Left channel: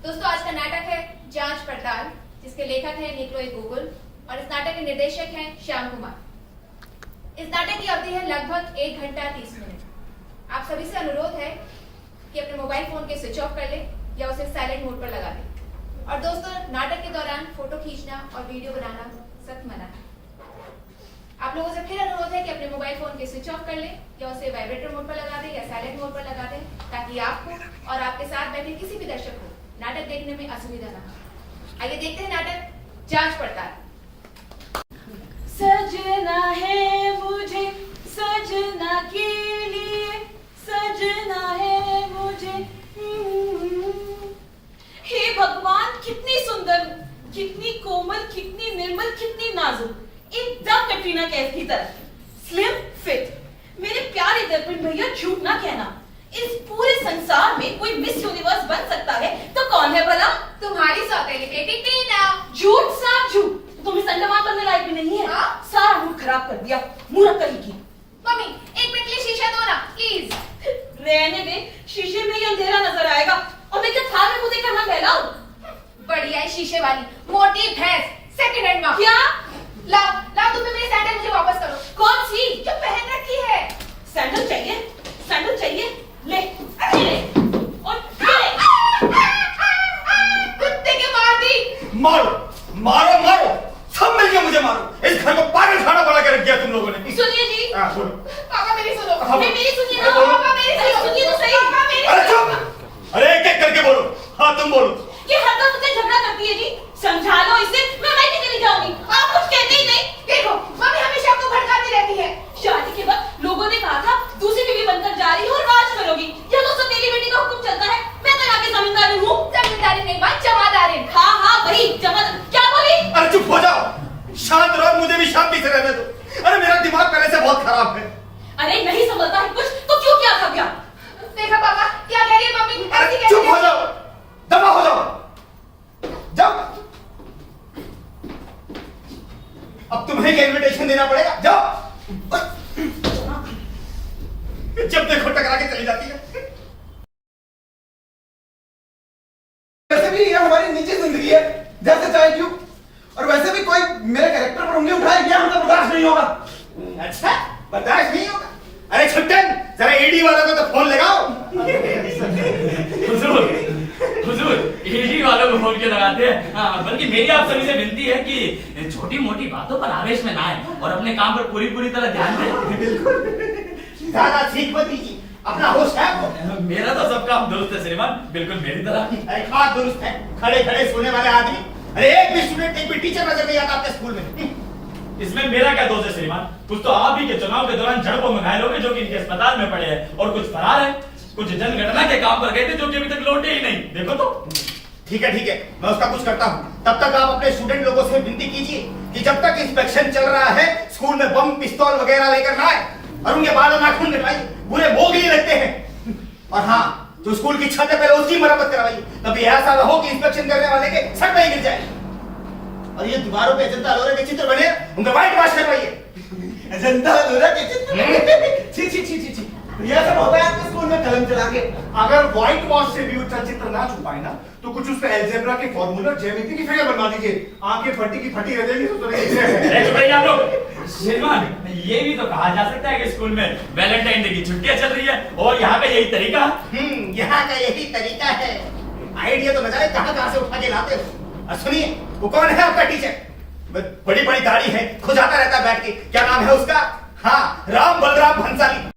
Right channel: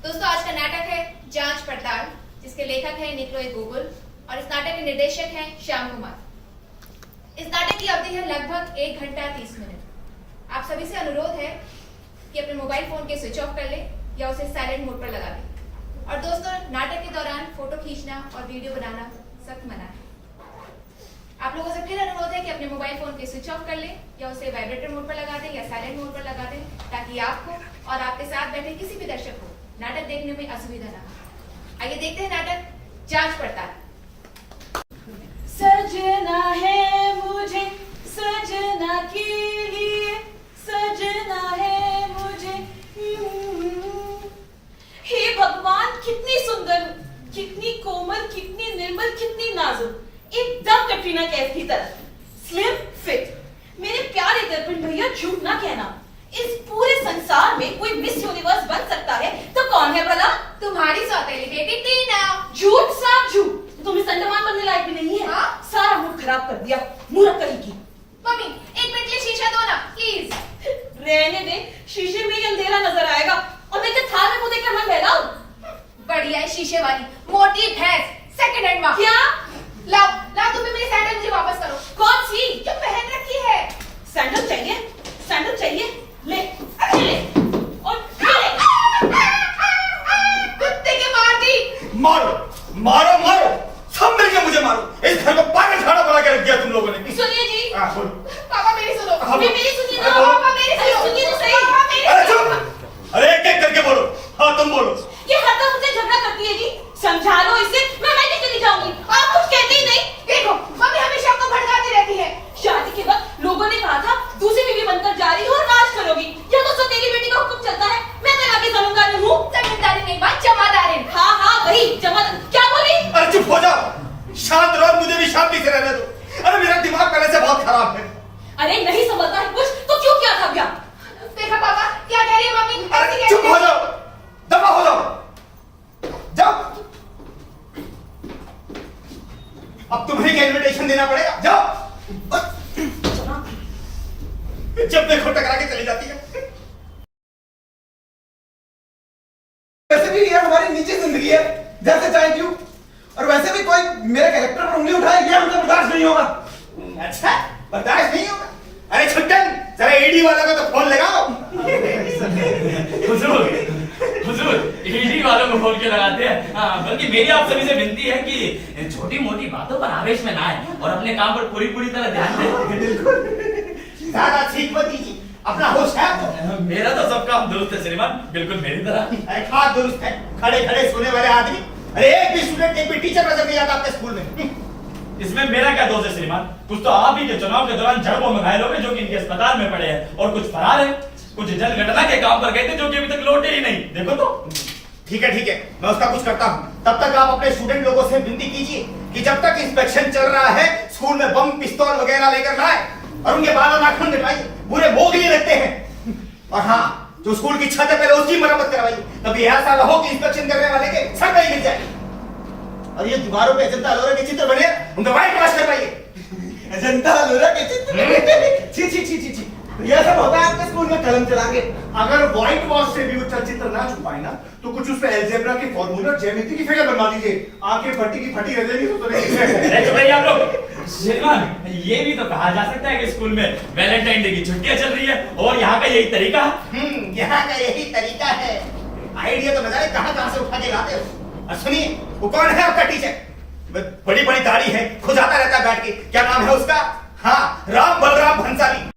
दोस्तों आज का नाटक है जांच पड़ताल, जिसके लेखक हैं निकोलो गॉगोल और इस नाटक के निर्देशक हैं श्याम कुमार। इस नाटक की अवधि है लगभग 1 घंटा 30 मिनट। आप सभी से अनुरोध है कि अपने मोबाइल फोन के स्विच ऑफ कर लें या उसे साइलेंट मोड पर लगा दें। और दोस्तों नाटक के दौरान फोटो खींचना और वीडियो बनाना सख्त मना है। आप लोगों से फिर अनुरोध है कि अपने मोबाइल फोन के स्विच ऑफ कर लें या उसे वाइब्रेटर मोड पर लगा दें या साइलेंट मोड पर लगा दें, ताकि आपको और आपके साथ बैठे किसी भी दर्शक को नाटक देखने में असुविधा ना हो। आइए देखते हैं नाटक जांच पड़ताल। सजना है मुझे सजना के लिए, सजना है मुझे। हे भगवान, कितनी सुंदर, कितनी कोमल, कितनी निर्मल, कितनी नाजुक, एकदम कटरीना कैफ की तरह, स्लिम फिट। मेरे प्यारे दर्पण भैया, झूठ ना कहना, इस पूरे संसार में कोई मिस यूनिवर्स बन सकता है तो कौन है भला? तुम्हारी सौतेली बेटी टीना। झूठ साफ झूठ, तुम इस अंडमान बनने लायक भी नहीं है। हाँ? सारा मूड खराब कर दिया, मूर्ख कहीं की। मम्मी 1 मिनट के लिए शीशा दो ना प्लीज। रहने दे, शीशे में ही अंधेरा नजर आएगा और मैं क्या थाल में मुंह देकर मैं बहलाऊं? बढ़िया है शीशे वाली मोटी भैंस, सेकंड हैंड माँ। क्या? लाओ लाओ, तुम भी मेरी सैंडल मुझे वापस करो। कौन सी? जो पहन रखी है। सैंडल चाहिए? सैंडल चाहिए? ले ले और ले। कुत्ते के मार दी। मारो मारो मारो, सब मिलके मुझे मारो। इस घर को पागल खाना बना के रख दिया तुम लोगों ने। सुनिए जी। बोलो। पापा मेरी सुनो। मेरी सुनिए ना। पापा मेरी सुनो। सुनिए तो सही। पापा मेरी अरे सुनो। चुप, अरे एक एक करके बोलो। हाँ तुम बोलो। ये हरदम मुझसे झगड़ा करती है जी, समझा लो इसे, मैं नहीं चली जाऊंगी। आप कुछ कहते ही नहीं। देखो मम्मी हमेशा आपको भड़काती रहती है। शादी के वक्त लोगों ने कहा था दूसरी बीवी बनकर जा रही हो और राज करोगी, या तो सौतेली बेटी का हुक्म चलता है। मैं तो आगे जमींदारी हूँ। जमींदारी नहीं माँ, जमादारी। हाँ हाँ वही जमादार। क्या बोली? अरे चुप हो जाओ, शांत रहो, मुझे भी शांति से रहने दो। अरे मेरा दिमाग पहले से बहुत खराब है। अरे नहीं समझता है कुछ तो क्यों किया था ब्याह? देखा पापा क्या कह रही है मम्मी? ऐसी अरे कैसे चुप हो जाओ, दफा हो जाओ, जाओ। अब तुम्हें क्या इनविटेशन देना पड़ेगा, जाओ। जब देखो टकरा के चली जाती है। वैसे भी ये हमारी निजी जिंदगी है, जैसे चाहे क्यों। और वैसे भी कोई मेरे कैरेक्टर पर उंगली उठाए, ये मतलब बर्दाश्त नहीं होगा। अच्छा, बर्दाश्त नहीं होगा? अरे छुट्टन, जरा ईडी वालों को तो फोन लगाओ। हुजूर, ईडी वालों को फोन क्यों लगाते हैं? बल्कि मेरी आप सभी से विनती है कि छोटी मोटी बातों पर आवेश में ना आए और अपने काम पर पूरी तरह ध्यान दें। ज्यादा छींक मत दीजिए, अपना होश है आपको? मेरा तो सब काम दुरुस्त है श्रीमान, बिल्कुल मेरी तरह। अरे खा दुरुस्त है, खड़े खड़े सोने वाले आदमी। अरे एक भी स्टूडेंट, एक भी टीचर नजर नहीं आता आपके स्कूल में। इसमें मेरा क्या दोष है श्रीमान? कुछ तो आप ही के चुनाव के दौरान झड़पों में घायल हो गए, जो कि इनके अस्पताल में पड़े हैं, और कुछ फरार हैं। कुछ जनगणना के काम पर गए थे, जो कि अभी तक लौटे ही नहीं। देखो तो। ठीक है, मैं उसका कुछ करता हूँ। तब तक आप अपने स्टूडेंट लोगों से विनती कीजिए कि जब तक इंस्पेक्शन चल रहा है, स्कूल में बम पिस्तौल वगैरह लेकर ना आए और उनके बाल और नाखून कटवाइए, बुरे भोग ही रहते हैं। और हाँ, जो स्कूल की छत है पहले उसकी मरम्मत करवाइए, तभी ऐसा ना हो कि इंस्पेक्शन करने वाले के सर पे ही गिर जाए। और ये दीवारों पे अजंता अलोरा के चित्र बने, उनका व्हाइट वॉश करवाइए। अजंता अलोरा के चित्र? छी छी छी छी छी, ये सब होता है आपके स्कूल में कलम चला के। अगर व्हाइट वॉश से भी उच्च चित्र ना छुपाए ना, तो कुछ उस पे अलजेब्रा के फॉर्मूला, ज्यामिति की फिगर बनवा दीजिए। आंखें फटी की फटी रह जाएगी तो अरे भाई आप लोग, श्रीमान ये भी तो कहा जा सकता है कि स्कूल में वैलेंटाइन डे की छुट्टियां चल रही है और यहाँ का यही तरीका है। यहाँ का यही तरीका है। आइडिया तो नजारे कहाँ से उठा के लाते हो। और सुनिए, वो कौन है आपका टीचर? बड़ी बड़ी दाढ़ी है, खुजाता रहता है बैठ के। क्या नाम है उसका? हाँ, राम बलराम भंसाली।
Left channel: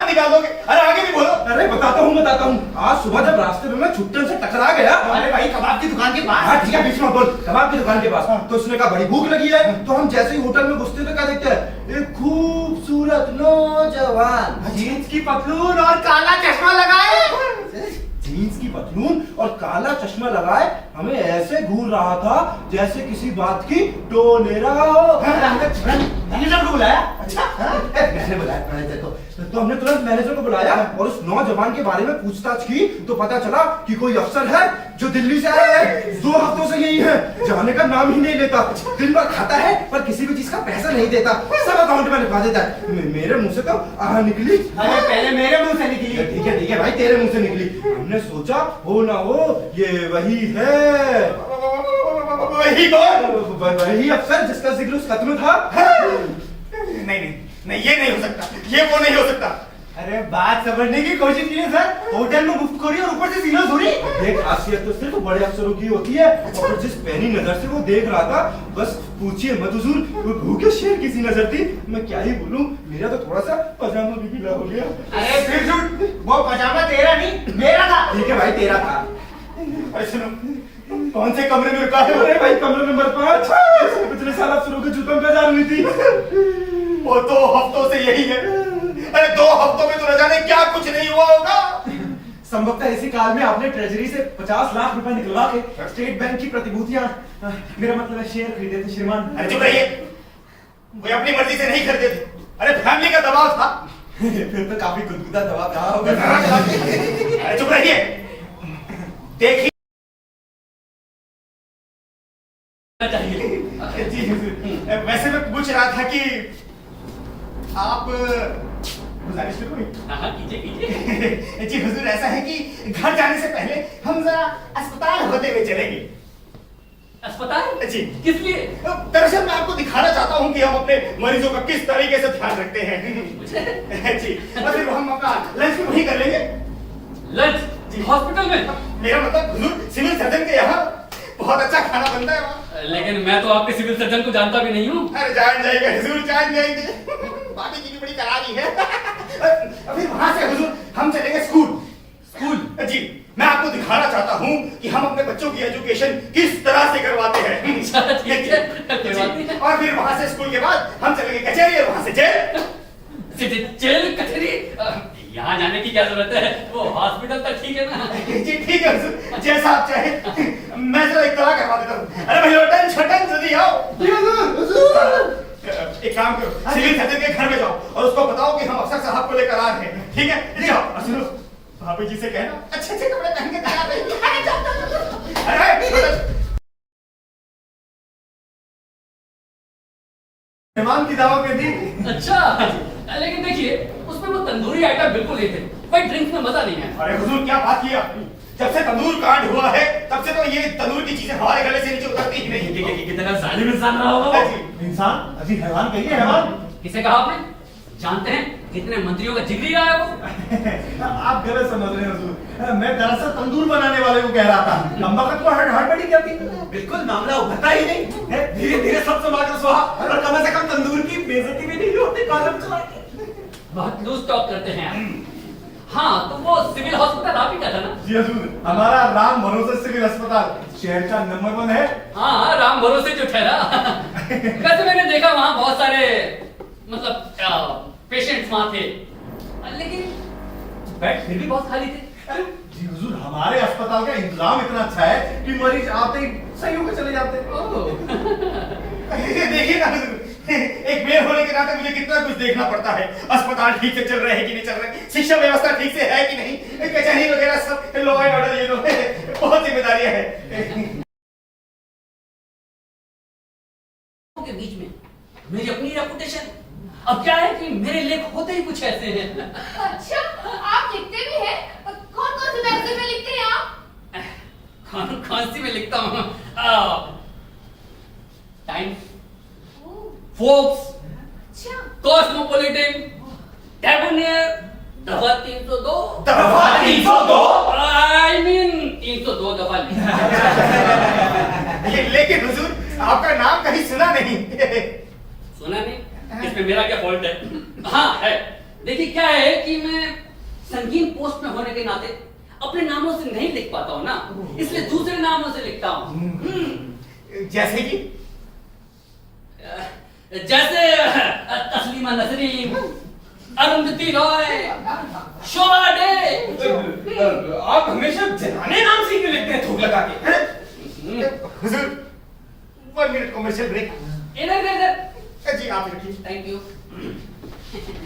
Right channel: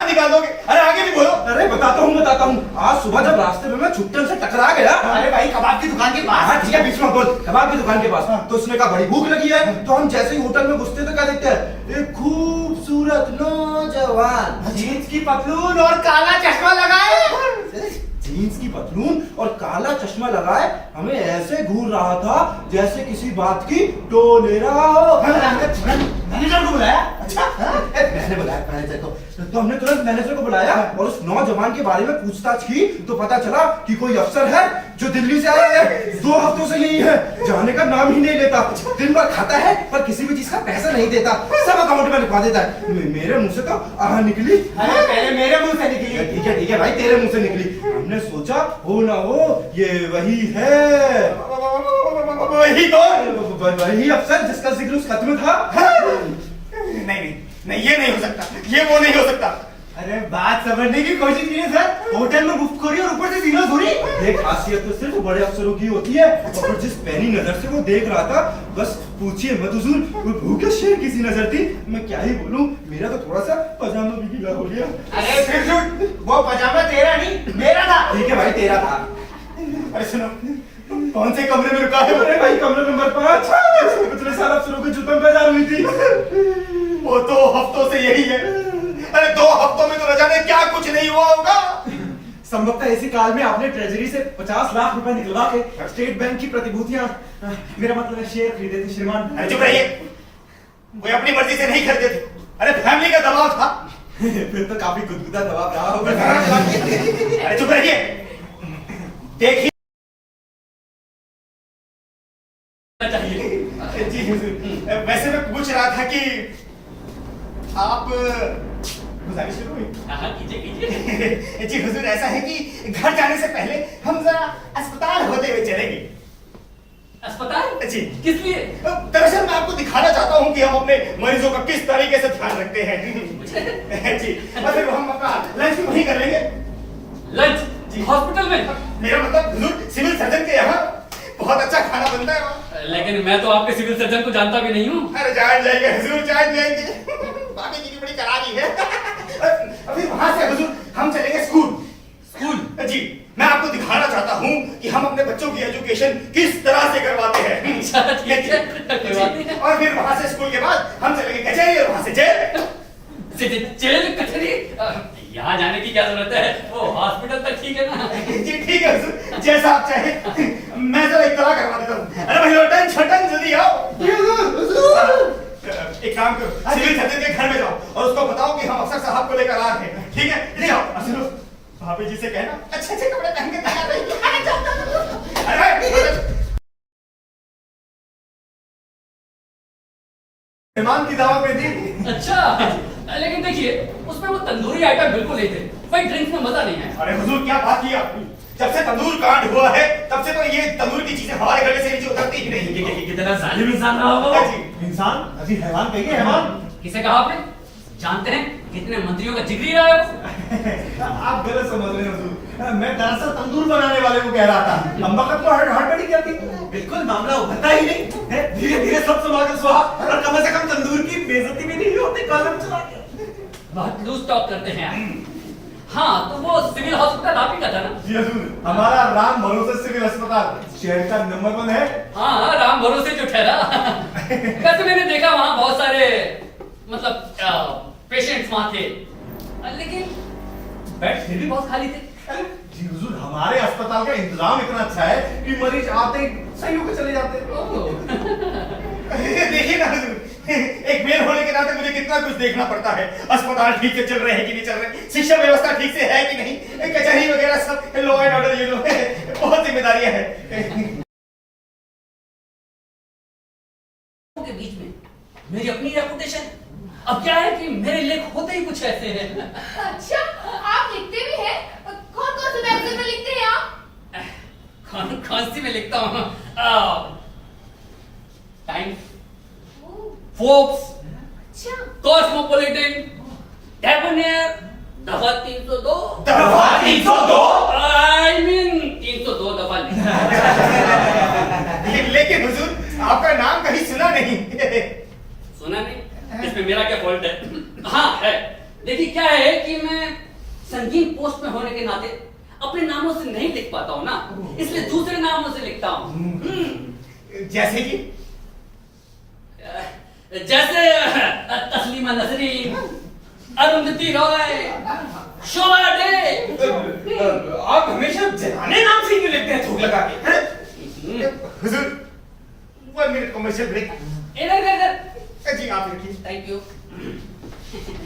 निकाल दोगे? अरे आगे भी बोलो। अरे बताता हूँ। आज सुबह जब रास्ते में मैं छुट्टन से टकरा गया। अरे भाई, कबाब की दुकान के पास। हाँ ठीक है, बीच में बोल। कबाब की दुकान के पास। तो उसने कहा बड़ी भूख लगी है। तो हम जैसे ही होटल में घुसते तो क्या देखते हैं, एक खूबसूरत नौजवान जीन्स की पतलून और काला चश्मा लगाए, जीन्स की पतलून और काला चश्मा लगाए हमें ऐसे घूर रहा था जैसे किसी बात की टो ले रहा हो। मैनेजर को बुलाया? अच्छा, मैंने बुलाया मैनेजर को। तो तो हमने तुरंत मैनेजर को बुलाया और उस नौजवान के बारे में पूछताछ की तो पता चला कि कोई अफसर है जो दिल्ली से आया है, 2 हफ्तों से यही है, जाने का नाम ही नहीं लेता, दिन भर खाता है पर किसी भी चीज का पैसा नहीं देता, सब अकाउंट में लिखवा देता है। मेरे मुंह से तो आह निकली। अरे पहले मेरे मुंह से निकली। ठीक है भाई, तेरे मुंह से निकली। हमने सोचा हो ना हो ये वही है, वही कौन? वही अफसर जिसका जिक्र उस खत में था। नहीं, ये नहीं हो सकता, ये वो नहीं हो सकता। अरे बात समझने की कोशिश कीजिए सर, होटल में गुफ्तखोरी और ऊपर से सीनोज़ोरी। ये खासियत तो सिर्फ बड़े अफसरों की होती है, और जिस पैनी नजर से वो देख रहा था, बस पूछिए मत हुजूर, वो भूखे शेर की सी नजर थी। मैं क्या ही बोलूं, मेरा तो थोड़ा सा पजामा भी गीला हो गया। अरे फिर वो पजामा तेरा नहीं, मेरा था। ठीक है भाई, तेरा था। अरे सुनो, कौन से कमरे में रुका है? अरे भाई कमरे नंबर 5, पिछले साल अफसरों के जूतों पे हुई थी। वो 2 हफ्तों से यही है। अरे 2 हफ्तों में तो न जाने क्या कुछ नहीं हुआ होगा। संभवतः इसी काल में आपने ट्रेजरी से 50 लाख रुपए निकलवा के स्टेट बैंक की प्रतिभूतियां, मेरा मतलब है शेयर खरीदे थे श्रीमान। अरे चुप रहिए, कोई अपनी मर्जी से नहीं खरीदे थे। अरे फैमिली का दबाव था। फिर तो काफी गुदगुदा दबाव रहा होगा। अरे चुप रहिए, देखिए जी वैसे मैं पूछ रहा था कि आप गुजारिश शुरू हुई। हाँ कीजिए। जी हुजूर, ऐसा है कि घर जाने से पहले हम जरा अस्पताल होते हुए चलेंगे। अस्पताल? जी। किस लिए? दरअसल मैं आपको दिखाना चाहता हूँ कि हम अपने मरीजों का किस तरीके से ध्यान रखते हैं। जी, और फिर हम अपना लंच वहीं कर लेंगे। लंच? जी। हॉस्पिटल में? मेरा मतलब हुजूर, सिविल सर्जन के यहाँ बहुत अच्छा खाना बनता है वहाँ। लेकिन मैं तो आपके सिविल सर्जन को जानता भी नहीं हूँ। अरे जान जाएंगे हुजूर, जान जाएंगे। बाकी की भी बड़ी करारी है। फिर वहां से हुजूर हम चलेंगे स्कूल। स्कूल? जी, मैं आपको दिखाना चाहता हूँ कि हम अपने बच्चों की एजुकेशन किस तरह से करवाते हैं। ठीक है, कोई बात नहीं। और फिर वहां से स्कूल के बाद हम चलेंगे कचहरी और वहां से जेल। जेल कचहरी? यहाँ जाने की क्या जरूरत है, वो हॉस्पिटल तक ठीक है ना। जी ठीक है हुजूर, जैसा आप चाहे। मैं तो एक तरह करवा देता हूँ। अरे भाई लोटन छटन जल्दी आओ। एक काम करो, सिविल सर्जन के घर में जाओ और उसको बताओ कि हम अफसर साहब को लेकर आ रहे हैं। ठीक है, जाओ। सुनो, भाभी जी से कहना अच्छे अच्छे कपड़े पहन के तैयार रहिए। अरे जाओ। अरे मेहमान की दावा पे दी। अच्छा, लेकिन देखिए उसमें वो तंदूरी आइटम बिल्कुल नहीं थे। भाई ड्रिंक्स में मजा नहीं है। अरे हुजूर, क्या बात की आपने? जब से तंदूर कांड हुआ है तब से तो ये तंदूर की चीजें हमारे गले से नीचे उतरती ही नहीं। कितना जालिम इंसान रहा होगा वो। इंसान? अभी हैवान कहिए, हैवान। किसे कहा आपने? जानते हैं कितने मंत्रियों का जिगरी रहा है वो। आप गलत समझ रहे हैं हुजूर। मैं दरअसल तंदूर बनाने वाले को कह रहा था। लंबा कद को हड़बड़ी क्या थी? बिल्कुल मामला उभरता ही नहीं। धीरे धीरे सब संभाल कर सुहा, और कम से कम तंदूर की बेइज्जती भी नहीं होती। कॉलम चला बहुत लूज टॉक करते हैं आप। हाँ, तो वो सिविल हॉस्पिटल आप ही का था ना? जी हुजूर, हमारा राम भरोसे सिविल अस्पताल शहर का नंबर 1 है। हाँ, राम भरोसे जो ठहरा। वैसे मैंने देखा वहाँ बहुत सारे मतलब पेशेंट्स वहाँ थे, लेकिन बेड फिर भी बहुत खाली थे। जी हुजूर, हमारे अस्पताल का इंतजाम इतना अच्छा है कि मरीज आते ही सही होकर चले जाते हैं। देखिए ना हुजूर, एक मेयर होने के नाते मुझे कितना कुछ देखना पड़ता है। अस्पताल ठीक से चल रहे हैं कि नहीं चल रहे, शिक्षा व्यवस्था ठीक से है कि नहीं, कचहरी वगैरह सब, लॉ एंड ऑर्डर, ये जो बहुत जिम्मेदारियां हैं। के बीच में मेरी अपनी रेपुटेशन। अब क्या है कि मेरे लेख होते ही कुछ ऐसे हैं। अच्छा, आप लिखते भी हैं? कौन कौन से मैगजीन में लिखते हैं आप? कौन सी में लिखता हूँ? टाइम्स, फोर्ब्स, अच्छा, कॉस्मोपॉलिटन, डेबोनियर, दफा 302। दफा 302? I mean 302 दफा लेकिन हुजूर, आपका नाम कहीं सुना नहीं। सुना नहीं? इसमें मेरा क्या फॉल्ट है? हाँ है। देखिए क्या है कि मैं संगीन पोस्ट में होने के नाते अपने नामों से नहीं लिख पाता हूँ ना, इसलिए दूसरे नामों से लिखता हूँ। जैसे कि जैसे तस्लीमा नसरीन, अरुंधति रॉय, शोभा डे। आप हमेशा जनाने नाम से क्यों लिखते हैं थूक लगा के? हुजूर, 1 मिनट कमर्शियल ब्रेक। इधर इधर। जी आप लिखिए। Thank you.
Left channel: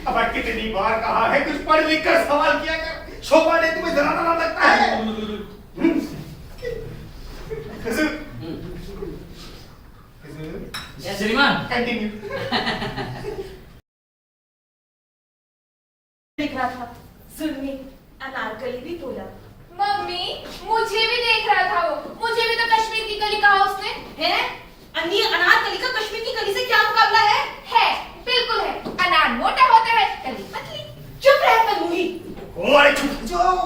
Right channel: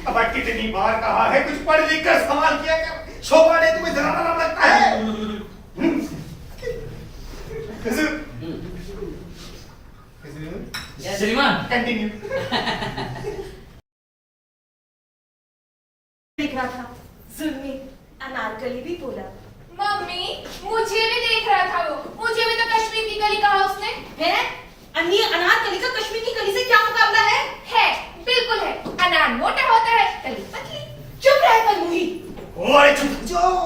अब कितनी बार कहा है कुछ पढ़ लिख कर सवाल किया कर। शोभा ने तुम्हें जरा ना लगता है। श्रीमान कंटिन्यू। दिख रहा था जुल्मी अनारकली भी बोला। मम्मी मुझे भी देख रहा था वो, मुझे भी तो कश्मीर की कली कहा उसने। है अन्य अनारकली का कश्मीर की कली से क्या मुकाबला है? है, बिल्कुल है। अनार मोटा होता है, कली पतली। चुप रह कलमुही। अरे चुप जाओ,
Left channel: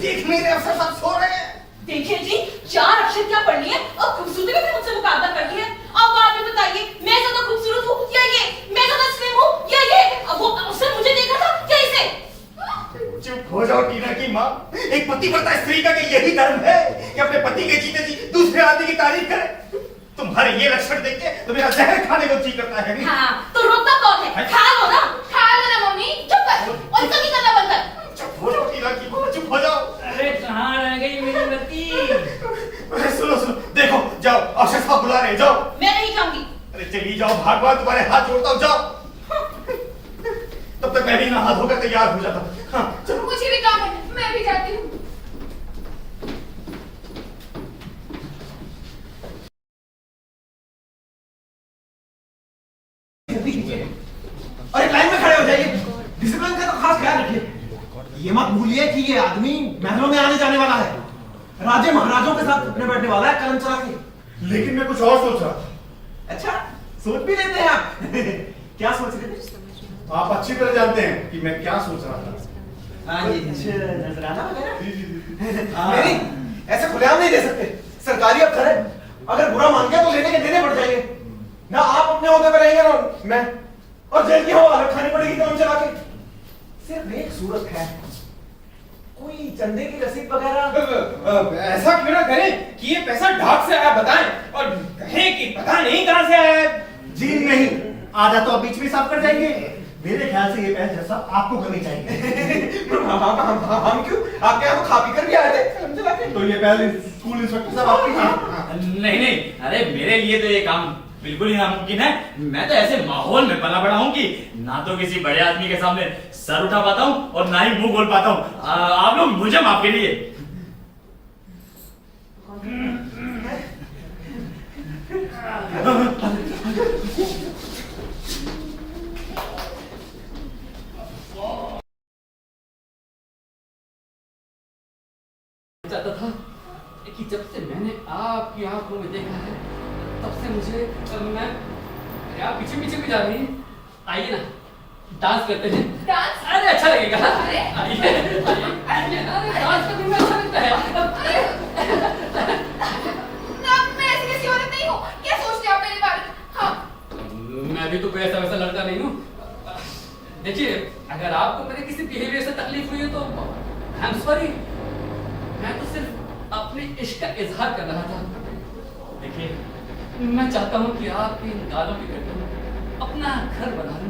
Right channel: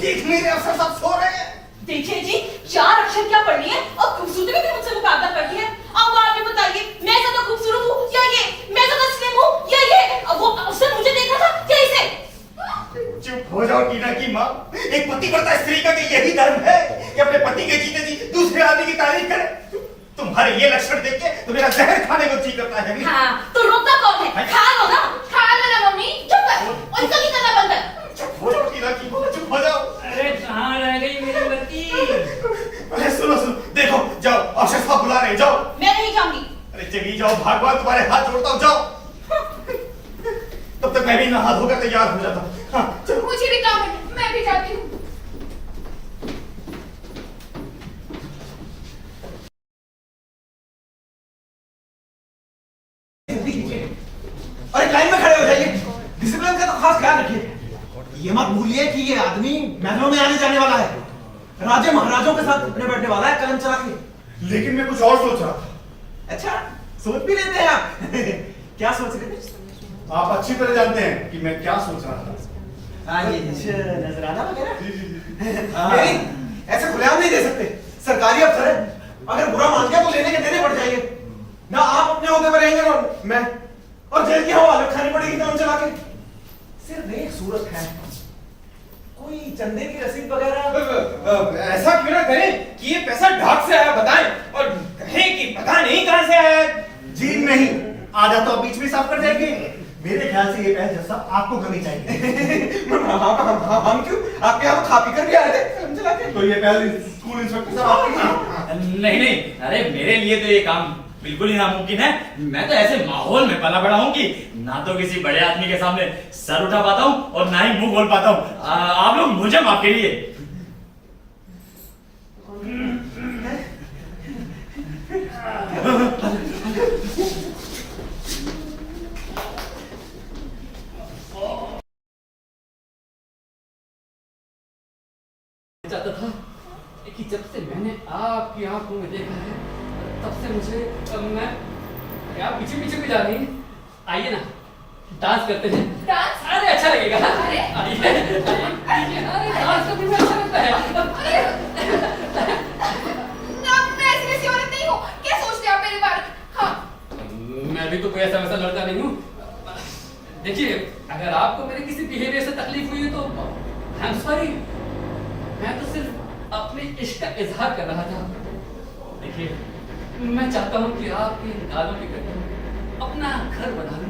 देख मेरे अफसर सब सो रहे हैं। देखिए जी, 4 अक्षर क्या पढ़ लिए और खूबसूरती का भी मुझसे मुकाबला कर दिया। अब आप ही बताइए, मैं ज्यादा खूबसूरत हूँ या ये? मैं ज्यादा स्लिम हूँ या ये? अब वो अफसर मुझे देख रहा था क्या इसे? चुप हो जाओ टीना की माँ। एक पतिव्रता स्त्री का यही धर्म है कि अपने पति के जीते जी दूसरे आदमी की तारीफ करे। तुम्हारे ये लक्षण देख के तो मेरा जहर खाने को जी करता है। हाँ, तो रोकता कौन है? खा लो ना। खा लो ना मम्मी, चुप कर और इसका भी करना बंद कर। चुप हो जाओ टीना की माँ, चुप हो जाओ। अरे कहाँ रह गई मेरी बत्ती? अरे सुनो सुनो, देखो जाओ, अफसर साहब बुला रहे हैं, जाओ। मैं नहीं जाऊंगी। अरे चली जाओ, भगवान तुम्हारे हाथ जोड़ता हूँ, जाओ। तब तक मैं भी नहा धोकर तैयार हो जाता हूँ। हाँ, चलो। मुझे भी काम है, मैं भी जाती हूँ। अरे लाइन में खड़े हो जाइए, डिसिप्लिन का तो खास ख्याल रखिए। ये मत भूलिए कि ये आदमी महलों में आने जाने वाला है, राजे महाराजों के साथ उठने बैठने वाला है, कलम चला के। लेकिन मैं कुछ और सोच रहा था। अच्छा, सोच भी लेते हैं आप। क्या सोच रहे थे? आप अच्छी तरह जानते हैं कि मैं क्या सोच रहा था। हाँ, ये नजराना वगैरह। नहीं, ऐसे खुलेआम नहीं दे सकते। सरकारी अफसर है, अगर बुरा मान गया तो लेने के देने पड़ जाएंगे। ना आप अपने ओहदे पर रहेंगे ना मैं, और जेल की हवा अलग खानी पड़ेगी कलम चला के। सिर्फ एक सूरत है, कोई चंदे की रसीद वगैरह। ऐसा क्यों ना करें कि ये पैसा ढाक से आया बताएं, और कहें कि पता नहीं कहां से आया है। जी नहीं, आधा तो बीच में साफ कर जाएंगे। मेरे ख्याल से ये पहल जैसा आपको करनी चाहिए। हम क्यों? आपके यहाँ तो खा पी कर भी आए थे कलम चला के। तो ये पहल स्कूल इंस्पेक्टर साहब आपकी। नहीं नहीं, अरे मेरे लिए तो ये काम बिल्कुल ही नामुमकिन है। मैं तो ऐसे माहौल में पला बड़ा हूँ कि ना तो किसी बड़े आदमी के सामने सर उठा पाता हूँ और ना ही मुंह खोल पाता हूँ। आप लोग मुझे माफ कीजिए। चाहता था कि जब से मैंने आपकी आंखों में देखा है तब से मुझे मैं क्या पीछे पीछे भी जा रही है। आइए ना डांस करते हैं। डांस? अरे अच्छा लगेगा। अरे आइए आइए, अरे डांस करने में अच्छा लगता है। ना, मैं ऐसी वैसी औरत नहीं हूँ। क्या सोचते हो आप मेरे बारे में? हाँ, मैं भी तो कोई ऐसा वैसा लड़का नहीं हूँ। देखिए, अगर आपको मेरे किसी बिहेवियर से तकलीफ हुई है तो आई एम सॉरी। मैं तो सिर्फ अपने इश्क का इजहार कर रहा था। देखिए, मैं चाहता हूँ कि आपके इन गालों की करके अपना घर बना लूं।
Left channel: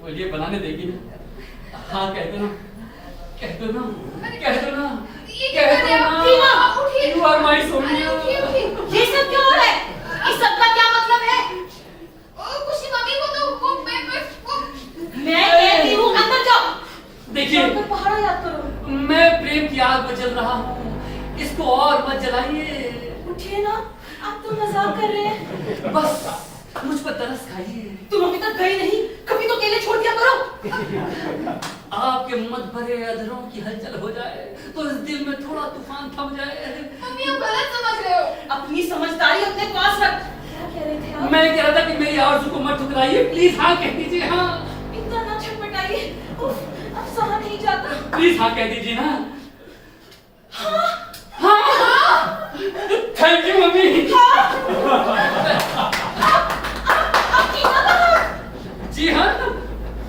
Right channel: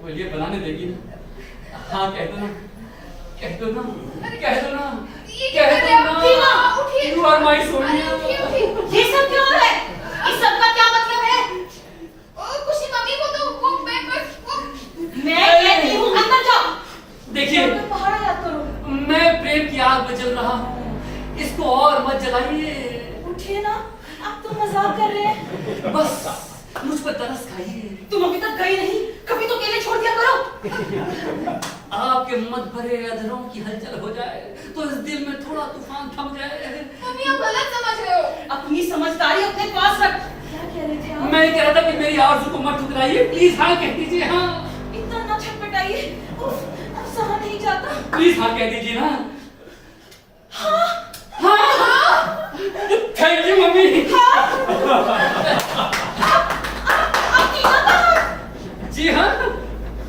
बोलिए, बनाने देगी ना? हाँ, कह दो ना, कह दो ना, कह दो ना, ये क्या कर रहे हैं आप? उठिए। You are my अरे सोनिया। उठिए, उठिए। ये सब क्यों हो रहा है? इस सब का क्या मतलब है? कुछ नहीं मम्मी, वो तो वो मैं बस वो मैं कहती हूँ अंदर जाओ। देखिए, मैं पहाड़ा याद करो। मैं प्रेम की आग में जल रहा हूँ, इसको और मत जलाइए। उठिए ना, आप तो मजाक कर रहे हैं। बस मुझ पर तरस खाइए। तुम अभी तक गए नहीं, कभी तो अकेले छोड़ दिया करो। आपके मत भरे अधरों की हलचल हो जाए तो इस दिल में थोड़ा तूफान थम जाए। मम्मी आप गलत समझ रहे हो। अपनी समझदारी अपने पास रख। क्या कह रहे थे आप? मैं कह रहा था कि मेरी आरज़ू को मत ठुकराइए। प्लीज हाँ कह दीजिए। हाँ इतना ना छटपटाइए। उफ, अब सहा नहीं जाता। प्लीज हाँ कह दीजिए ना। हाँ, हाँ थैंक यू मम्मी। आप टीना कहाँ? जी हाँ,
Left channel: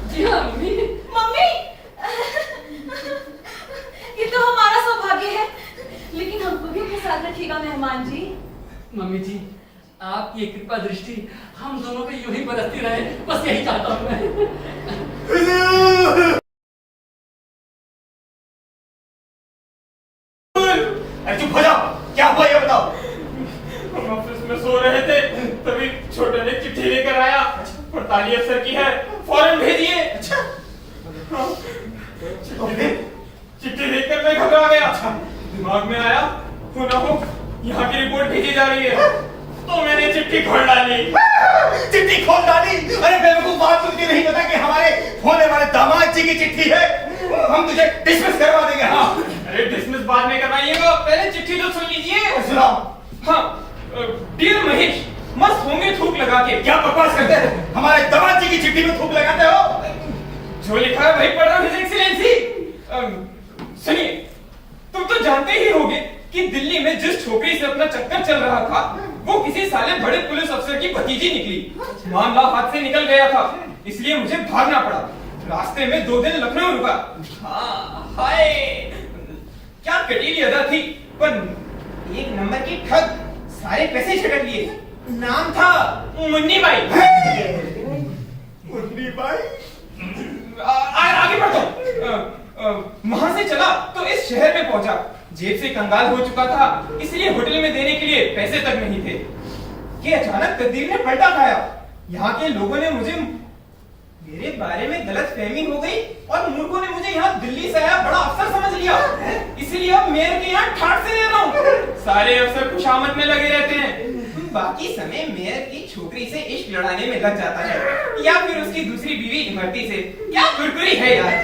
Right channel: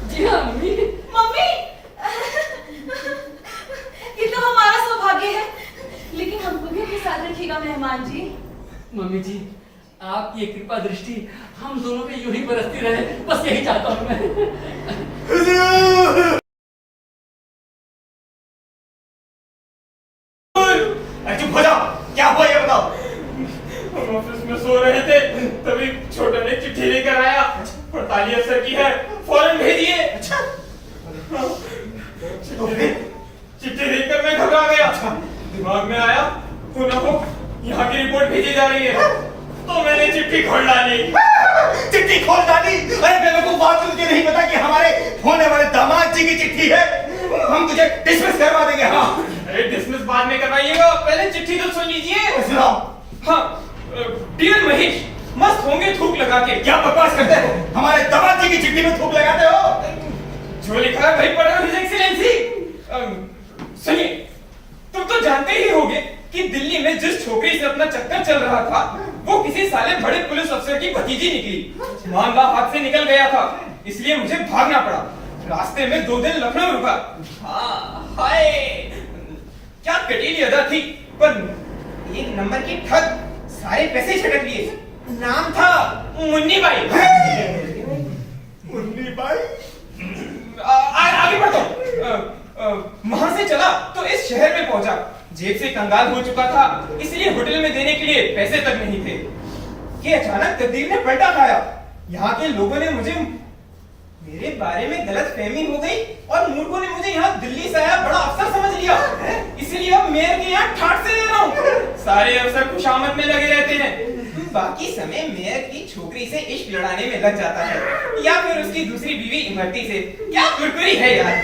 जी हाँ मम्मी। मम्मी, ये तो हमारा सौभाग्य है, लेकिन हमको भी अपने साथ रखिएगा मेहमान जी। मम्मी जी, आपकी ये कृपा दृष्टि हम दोनों पे यूं ही बरसती रहे, बस यही चाहता हूँ मैं। अरे चुप हो जाओ, क्या हुआ ये बताओ। हम ऑफिस में सो रहे थे, तभी छोटे ने चिट्ठी लेकर आया हड़ताली अफसर की है, फौरन भेजिए। अच्छा तो फिर चिट्ठी देखकर मैं घबरा गया। दिमाग में आया हो ना हो यहाँ की रिपोर्ट भेजी जा रही है, तो मैंने चिट्ठी खोल डाली। चिट्ठी खोल डाली? अरे बेवकूफ, बात तुझे नहीं पता कि हमारे होने वाले दामाद जी की चिट्ठी है। हम तुझे डिसमिस करवा देंगे। हाँ अरे डिसमिस बाद में करवाइएगा, पहले चिट्ठी तो सुन लीजिए। सुनाओ। हाँ, डियर महेश, मस्त होंगे थूक लगा के। क्या बकवास करते हो? हमारे दामाद जी की चिट्ठी में थूक लगाते हो? जो लिखा है वही पढ़ रहा हूँ, हिज एक्सीलेंसी। सुनिए, तुम तो जानते ही होगे कि दिल्ली में जिस छोकरी से अपना चक्कर चल रहा था वो किसी साले बड़े पुलिस अफसर की भतीजी निकली। मामला हाथ से निकल गया था, इसलिए मुझे भागना पड़ा। रास्ते में 2 दिन लखनऊ रुका। हाँ, हाय, क्या कटीली अदा थी, पर 1 नंबर की ठग, सारे पैसे झटक लिए। नाम था मुन्नी बाई। मुन्नी बाई? आगे बढ़ता हूँ। वहां से चला तो इस शहर में पहुंचा। जेब से कंगाल हो चुका था, इसलिए होटल में देने के लिए पैसे तक नहीं थे कि अचानक तकदीर ने पलटा खाया। यहाँ के लोगों ने मुझे मेरे बारे में गलत फहमी हो गई और मूर्खों ने मुझे यहाँ दिल्ली से आया बड़ा अफसर समझ लिया। इसलिए अब मेयर के यहाँ ठाट से रह रहा हूँ। सारे अफसर खुशामद में लगे रहते हैं, बाकी समय मेयर की छोकरी से इश्क लड़ाने में लग जाता है, या फिर उसकी दूसरी बीवी इमरती से। क्या कुरकुरी है यार।